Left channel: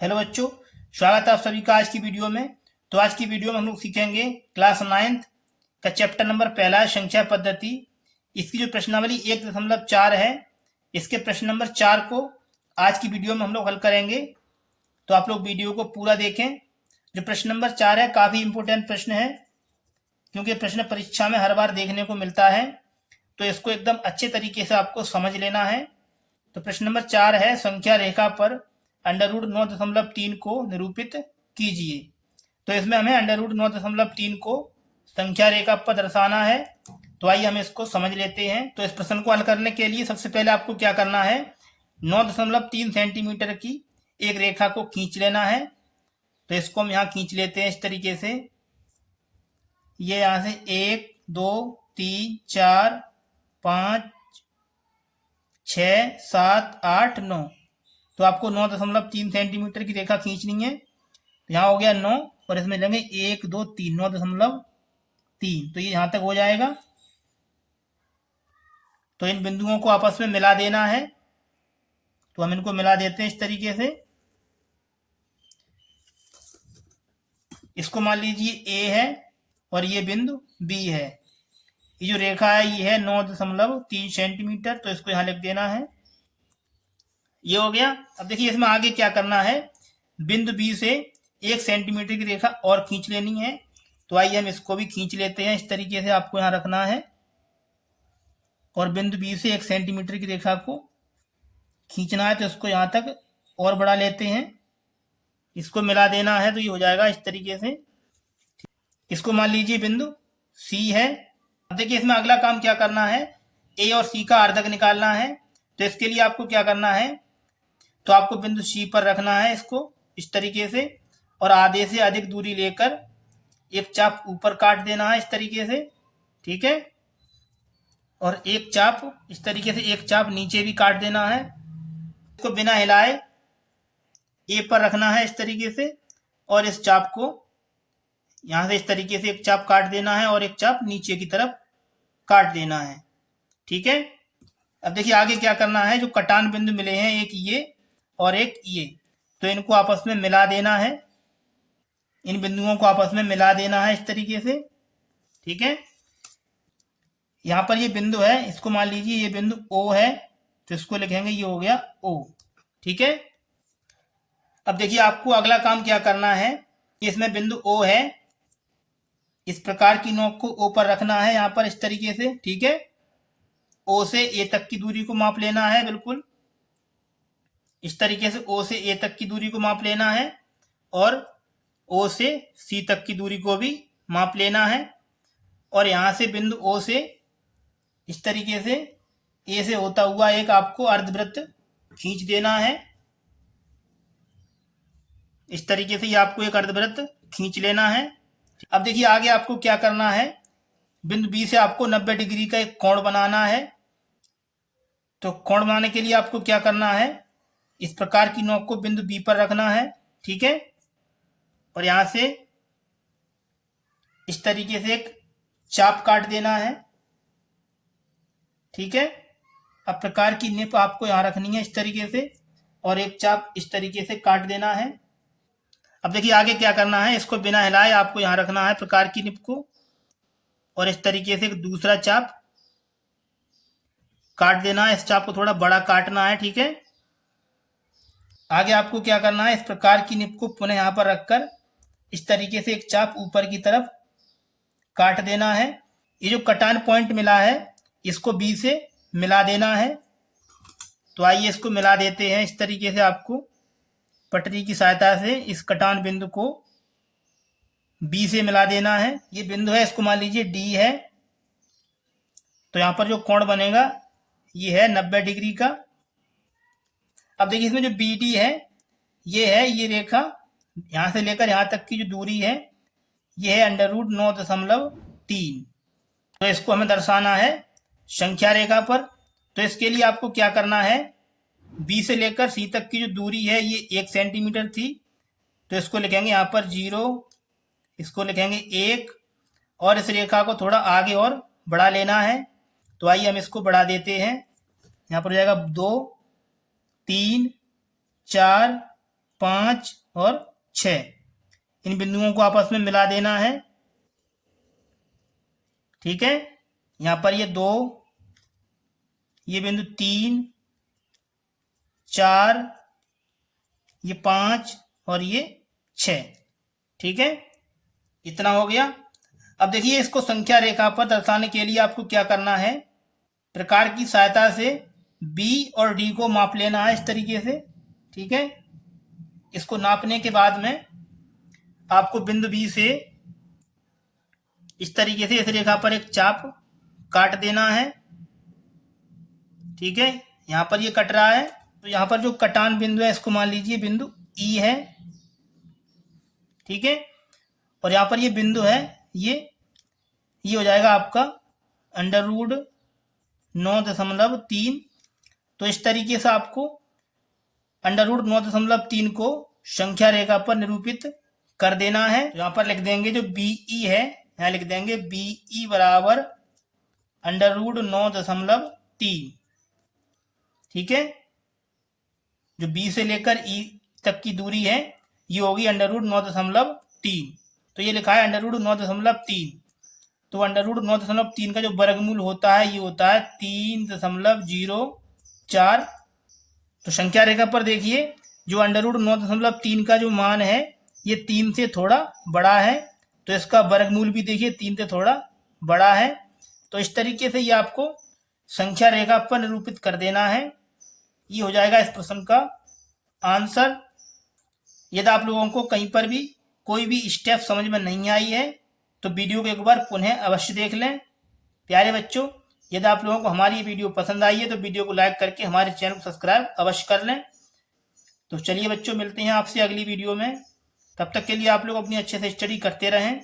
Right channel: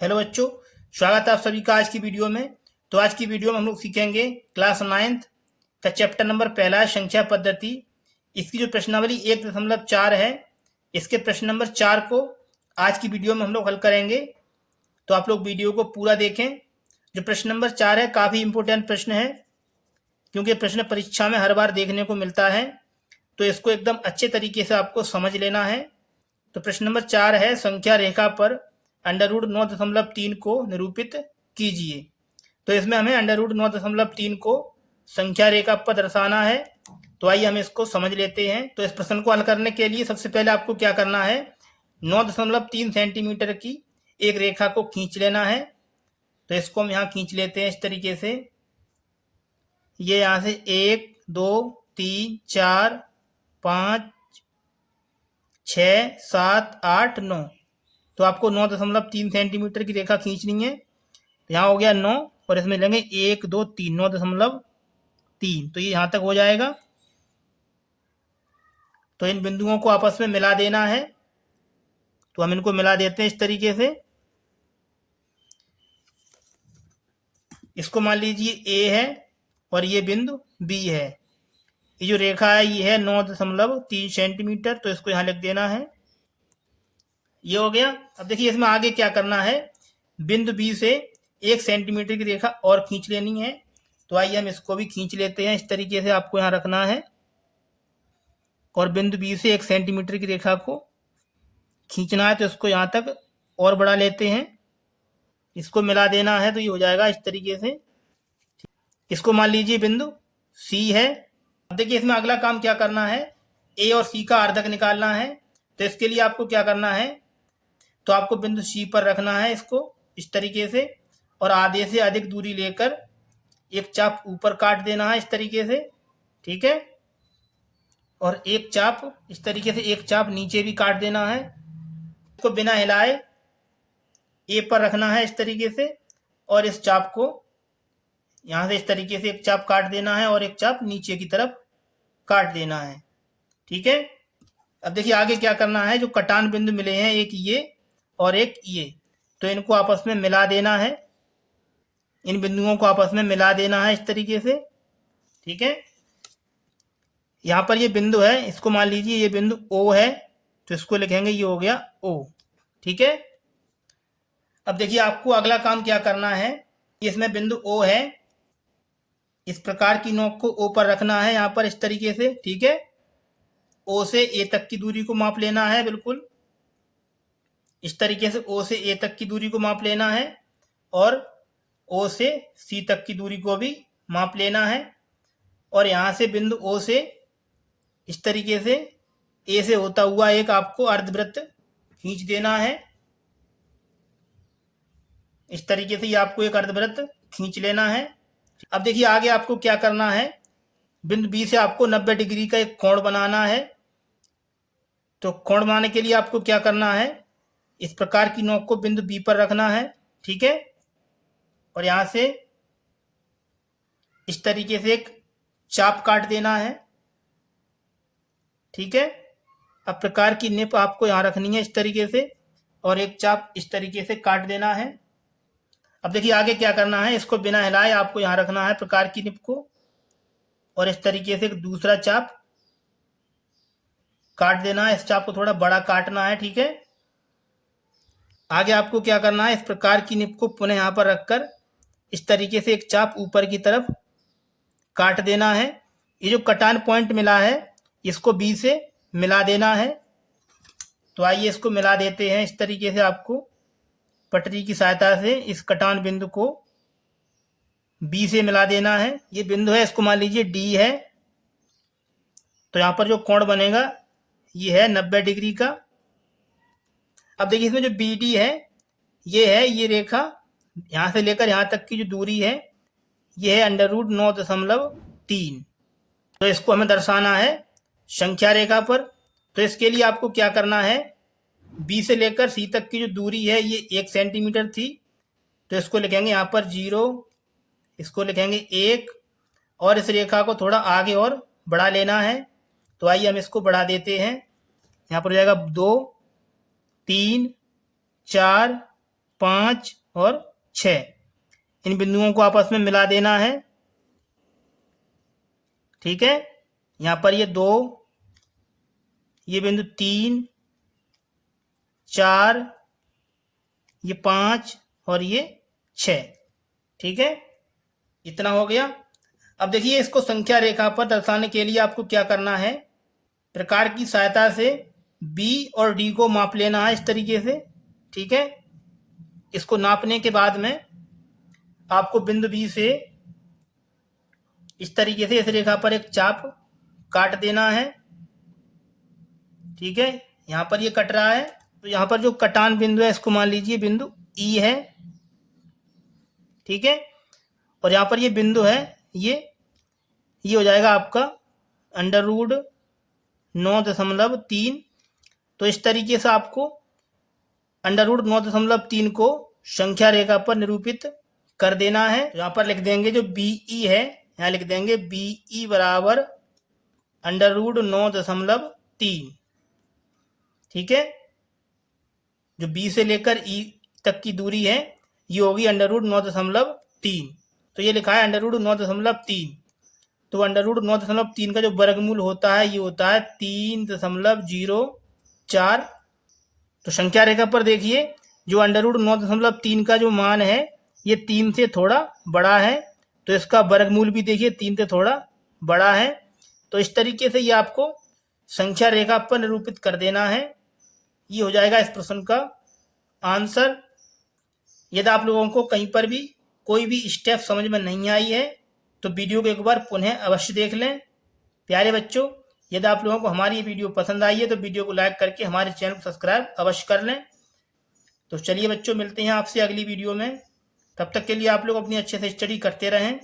Hello बच्चों, स्वागत है आप सभी का आज की वीडियो में। तो आज की वीडियो में हम लोग सीखेंगे क्लास 9th का चैप्टर नंबर पहला है संख्या पद्धति। इसकी जो प्रश्नावली 1.4 है, इसके प्रश्न नंबर 4 को आज की वीडियो में हम लोग हल करेंगे। तो आप लोग वीडियो को पूरा देखें। जो प्रश्न नंबर 4 है काफ़ी इंपॉर्टेंट प्रश्न है, क्योंकि प्रश्न परीक्षा में हर बार देखने को मिलता है, तो इसको एकदम अच्छे तरीके से आपको समझ लेना है। तो प्रश्न नंबर 4 है, संख्या रेखा पर √9.3 को निरूपित कीजिए। तो इसमें हमें √9.3 को संख्या रेखा पर दर्शाना है। तो आइए हम इसको समझ लेते हैं। तो इस प्रश्न को हल करने के लिए सबसे पहले आपको क्या करना है, 9.3 सेंटीमीटर की एक रेखा को खींच लेना है। तो इसको हम यहाँ खींच लेते हैं इस तरीके से। ये यहाँ से 1 2 3 4 5 6 7 8 9, तो आपको 9.3 सेंटीमीटर की रेखा खींचनी है। तो यहाँ हो गया 9 और इसमें लेंगे 1 2 3, 9.3, तो ये यहाँ तक हो जाएगा। तो इन बिंदुओं को आपस में मिला देना है। तो हम इनको मिला देते हैं इस तरीके से। इसको मान लीजिए ए है और ये बिंदु बी है। ये जो रेखा है ये है 9.3 सेंटीमीटर, तो इसको यहाँ लिख देना है। ये हो गया। अब देखिए इसमें आगे क्या करना है, बिंदु बी से 1 सेंटीमीटर की रेखा और खींच लेनी है। तो आइए हम इसको भी खींच लेते हैं। इस तरीके से आपको यहाँ रखना है और बिंदु बी से 1 सेंटीमीटर की रेखा को खींचना है। तो इसको यहाँ तक और बढ़ा लेते हैं, इसको मिला देना है। तो ये हो जाएगा इस तरीके से। इसको मान लीजिए बिंदु सी है। अब देखिए इसमें अगला काम क्या करना है, ए और सी का अर्धक निकालना है। तो इसके लिए आपको क्या करना है, तो आपको बिंदु सी पर रखना है इसको इस तरीके से, और आधे से अधिक दूरी लेकर एक चाप ऊपर काट देना है इस तरीके से, ठीक है। और एक चाप इस तरीके से, एक चाप नीचे भी काट देना है। इसको बिना हिलाए ए पर रखना है इस तरीके से, और इस चाप को यहाँ से इस तरीके से एक चाप काट देना है और एक चाप नीचे की तरफ काट देना है, ठीक है। अब देखिए आगे क्या करना है, जो कटान बिंदु मिले हैं, एक ये और एक ये, तो इनको आपस में मिला देना है। इन बिंदुओं को आपस में मिला देना है इस तरीके से, ठीक है। यहाँ पर ये बिंदु है, इसको मान लीजिए ये बिंदु ओ है, तो इसको लिखेंगे ये हो गया ओ, ठीक है। अब देखिए आपको अगला काम क्या करना है, इसमें बिंदु ओ है, इस प्रकार की नोक को ओ पर रखना है यहाँ पर इस तरीके से, ठीक है। ओ से ए तक की दूरी को माप लेना है, बिल्कुल इस तरीके से ओ से ए तक की दूरी को माप लेना है, और ओ से सी तक की दूरी को भी माप लेना है। और यहाँ से बिंदु ओ से इस तरीके से ए से होता हुआ एक आपको अर्धवृत्त खींच देना है। इस तरीके से ये आपको एक अर्धवृत्त खींच लेना है। अब देखिए आगे आपको क्या करना है, बिंदु बी से आपको 90 डिग्री का एक कोण बनाना है। तो कोण बनाने के लिए आपको क्या करना है, इस प्रकार की नोक को बिंदु बी पर रखना है, ठीक है। और यहाँ से इस तरीके से एक चाप काट देना है, ठीक है। अब प्रकार की निप आपको यहाँ रखनी है इस तरीके से, और एक चाप इस तरीके से काट देना है। अब देखिए आगे क्या करना है, इसको बिना हिलाए आपको यहाँ रखना है प्रकार की निप को, और इस तरीके से एक दूसरा चाप काट देना है। इस चाप को थोड़ा बड़ा काटना है, ठीक है। आगे आपको क्या करना है, इस प्रकार की निप को पुनः यहाँ पर रखकर इस तरीके से एक चाप ऊपर की तरफ काट देना है। ये जो कटान पॉइंट मिला है इसको बी से मिला देना है। तो आइए इसको मिला देते हैं। इस तरीके से आपको पटरी की सहायता से इस कटान बिंदु को बी से मिला देना है। ये बिंदु है, इसको मान लीजिए डी है। तो यहाँ पर जो कोण बनेगा ये है 90 डिग्री का। अब देखिए इसमें जो बी डी है ये रेखा यहाँ से लेकर यहाँ तक की जो दूरी है ये है √9.3। तो इसको हमें दर्शाना है संख्या रेखा पर। तो इसके लिए आपको क्या करना है, बी से लेकर सी तक की जो दूरी है ये 1 सेंटीमीटर थी, तो इसको लिखेंगे यहाँ पर 0, इसको लिखेंगे 1, और इस रेखा को थोड़ा आगे और बढ़ा लेना है। तो आइए हम इसको बढ़ा देते हैं। यहाँ पर हो जाएगा 2 3 4 5 और 6, इन बिंदुओं को आपस में मिला देना है। ठीक है, यहाँ पर ये 2, ये बिंदु 3, 4, ये 5 और ये 6। ठीक है, इतना हो गया। अब देखिए, इसको संख्या रेखा पर दर्शाने के लिए आपको क्या करना है, प्रकार की सहायता से बी और डी को माप लेना है इस तरीके से। ठीक है, इसको नापने के बाद में आपको बिंदु बी से इस तरीके से इस रेखा पर एक चाप काट देना है। ठीक है, यहाँ पर ये कट रहा है, तो यहाँ पर जो कटान बिंदु है इसको मान लीजिए बिंदु ई है। ठीक है, और यहाँ पर ये बिंदु है, ये हो जाएगा आपका √9.3। तो इस तरीके से आपको √9.3 को संख्या रेखा पर निरूपित कर देना है। यहाँ पर लिख देंगे जो BE है, यहाँ लिख देंगे BE बराबर √9.3। ठीक है, जो B से लेकर E तक की दूरी है ये होगी √9.3। तो ये लिखा है √9.3। तो √9.3 का जो वर्गमूल होता है ये होता है 3.04। तो संख्या रेखा पर देखिए जो √9.3 का जो मान है ये 3 से थोड़ा बड़ा है, तो इसका वर्गमूल भी देखिए 3 से थोड़ा बड़ा है। तो इस तरीके से ये आपको संख्या रेखा पर निरूपित कर देना है। ये हो जाएगा इस प्रश्न का आंसर। यदि आप लोगों को कहीं पर भी कोई भी स्टेप समझ में नहीं आई है तो वीडियो को एक बार पुनः अवश्य देख लें। प्यारे बच्चों, यदि आप लोगों को हमारी ये वीडियो पसंद आई है तो वीडियो को लाइक करके हमारे चैनल को सब्सक्राइब अवश्य कर लें। तो चलिए बच्चों, मिलते हैं आपसे अगली वीडियो में। तब तक के लिए आप लोग अपनी अच्छे से स्टडी करते रहें।